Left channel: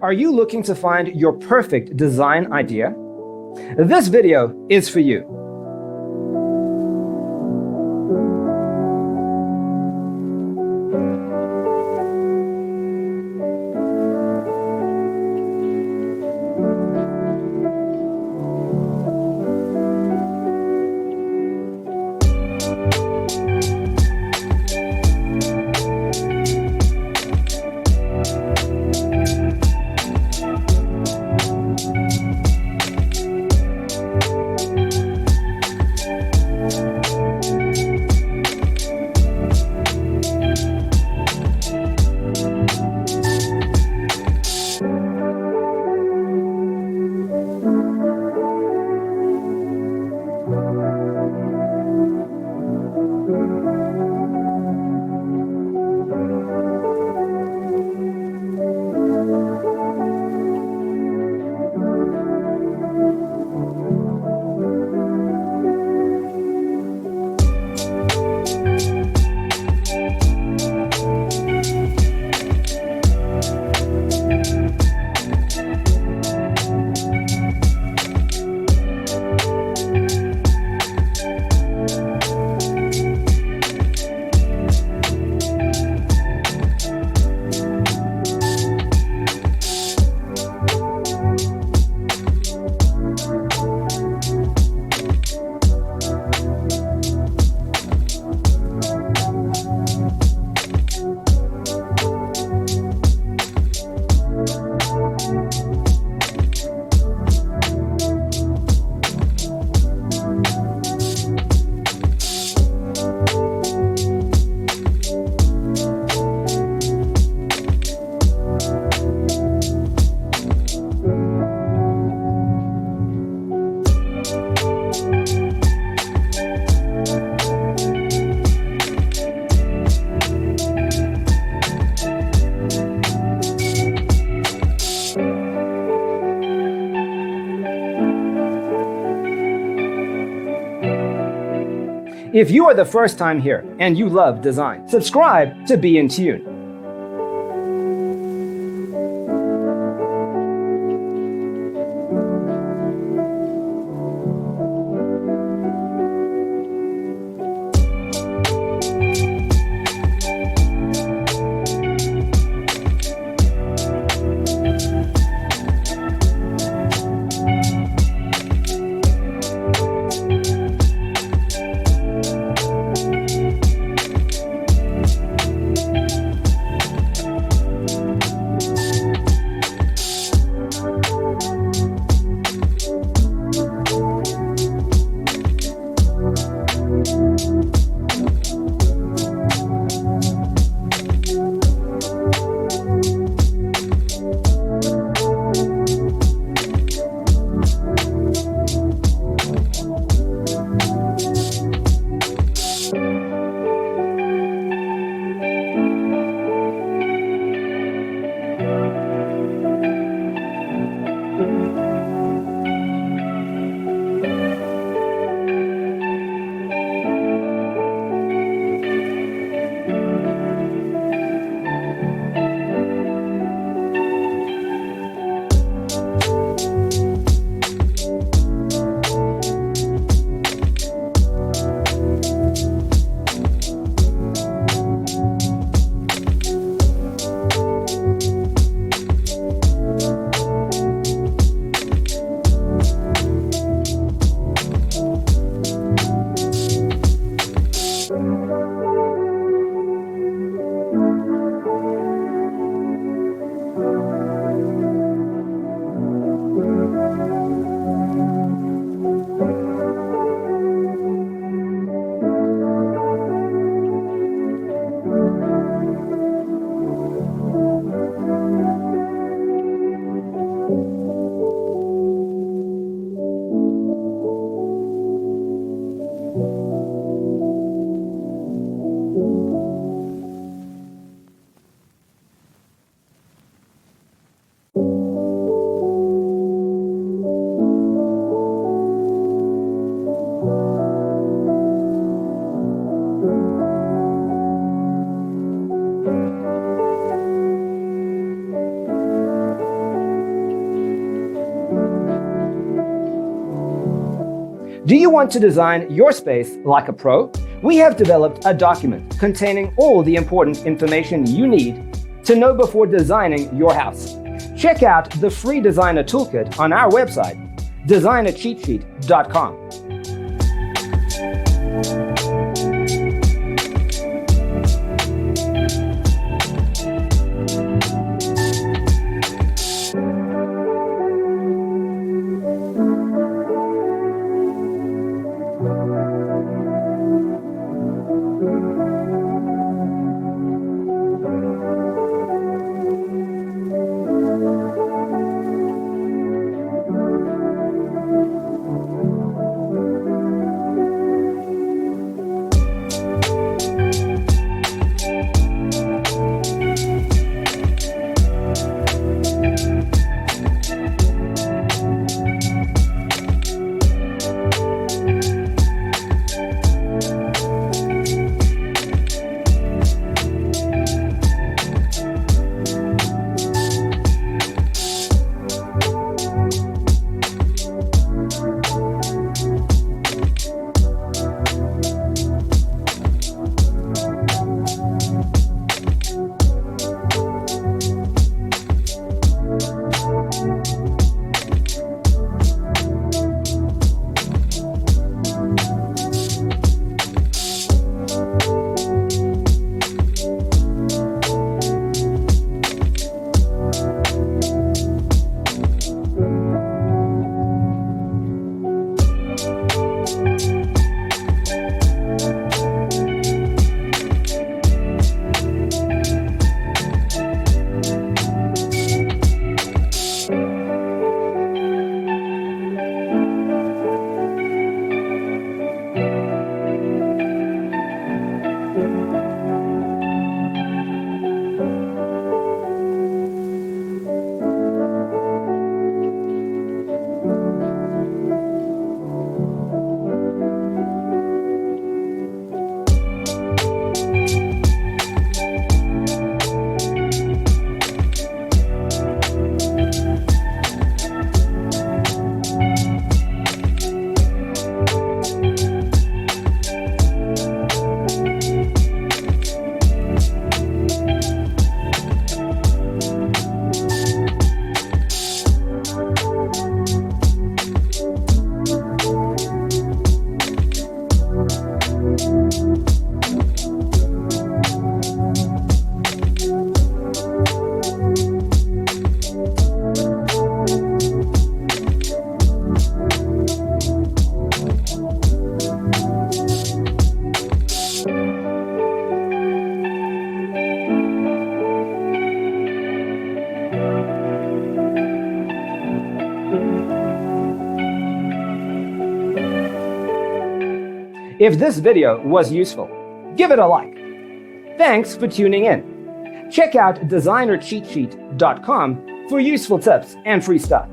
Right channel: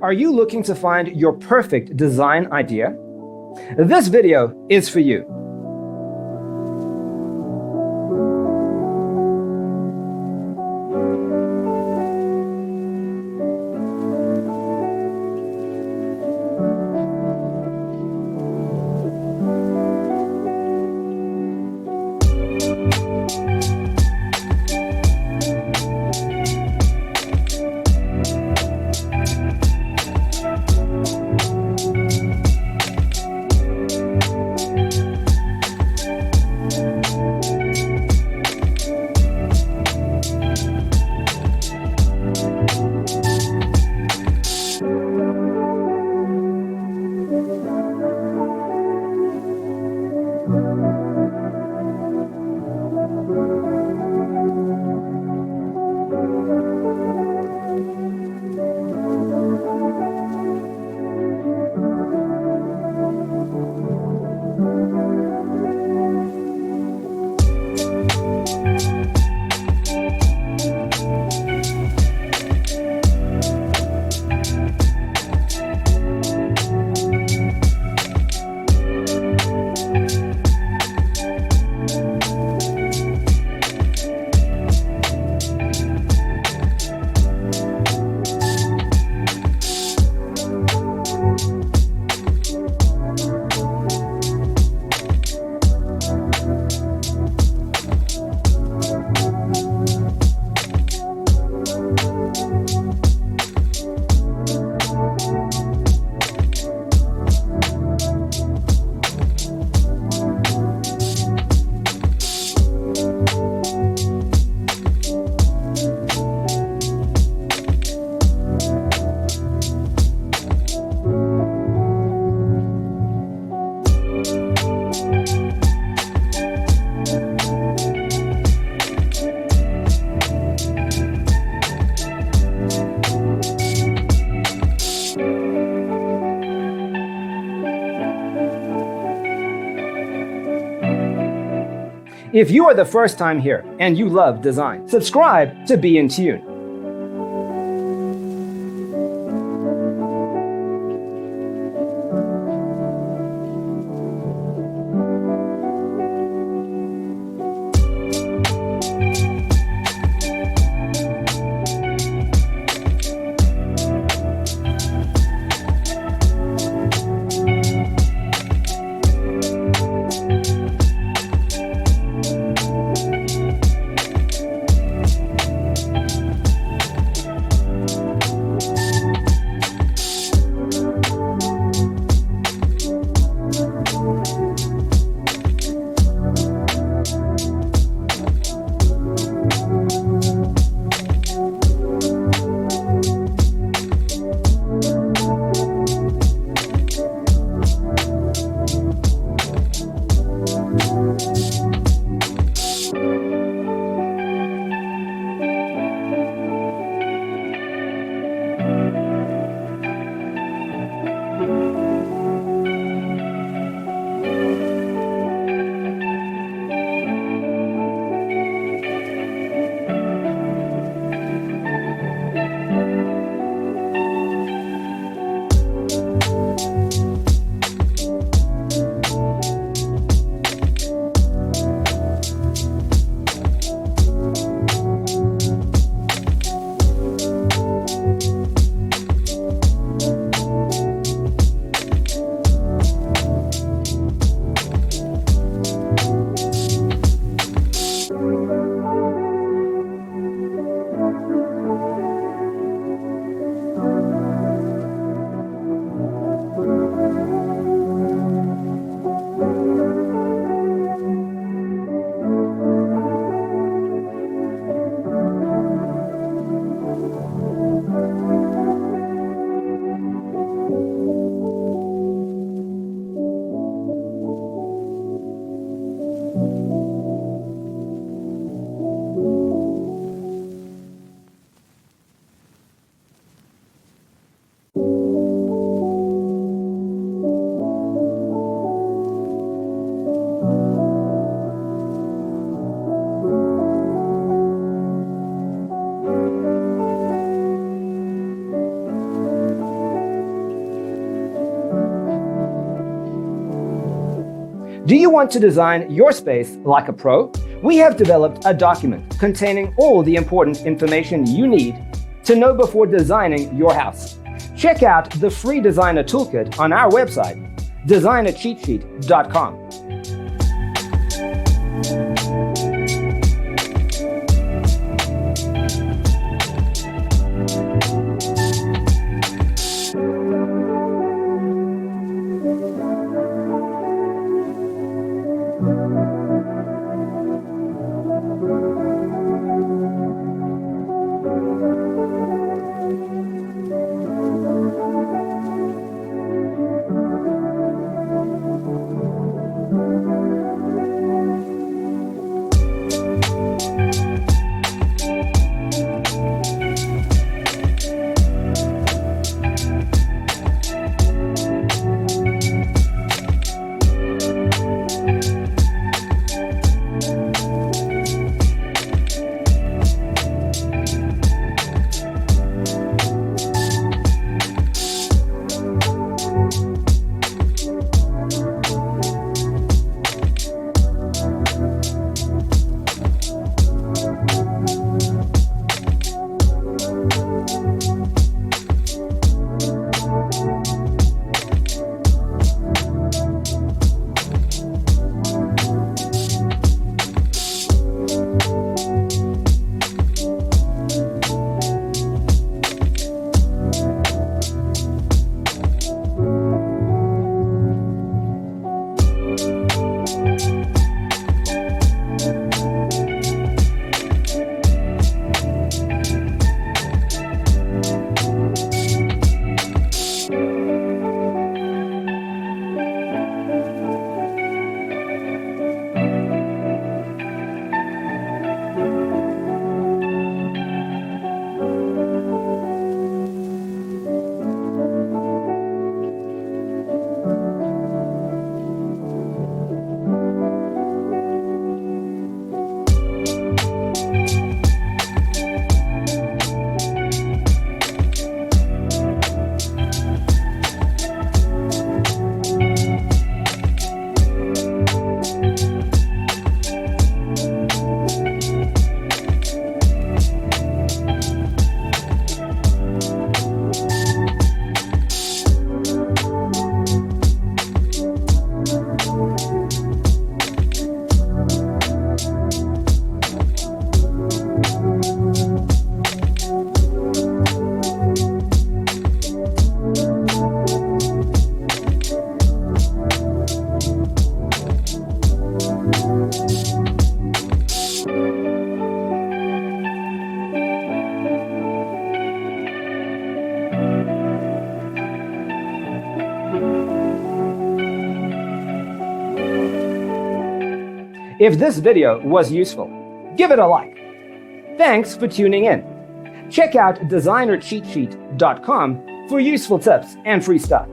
Are you looking to find your perfect design idea? This video is for you. If you are the first time here and you love design, subscribe to Be in Tune. Do you want to design your space like a pro? We have developed a document containing all the important information you need to know before designing your house. Check out the free designer toolkit on our website, designercheatsheet.com. If this video was useful, give it a like. Thanks for tuning in. Check out designercheatsheet.com for useful tips and free stuff.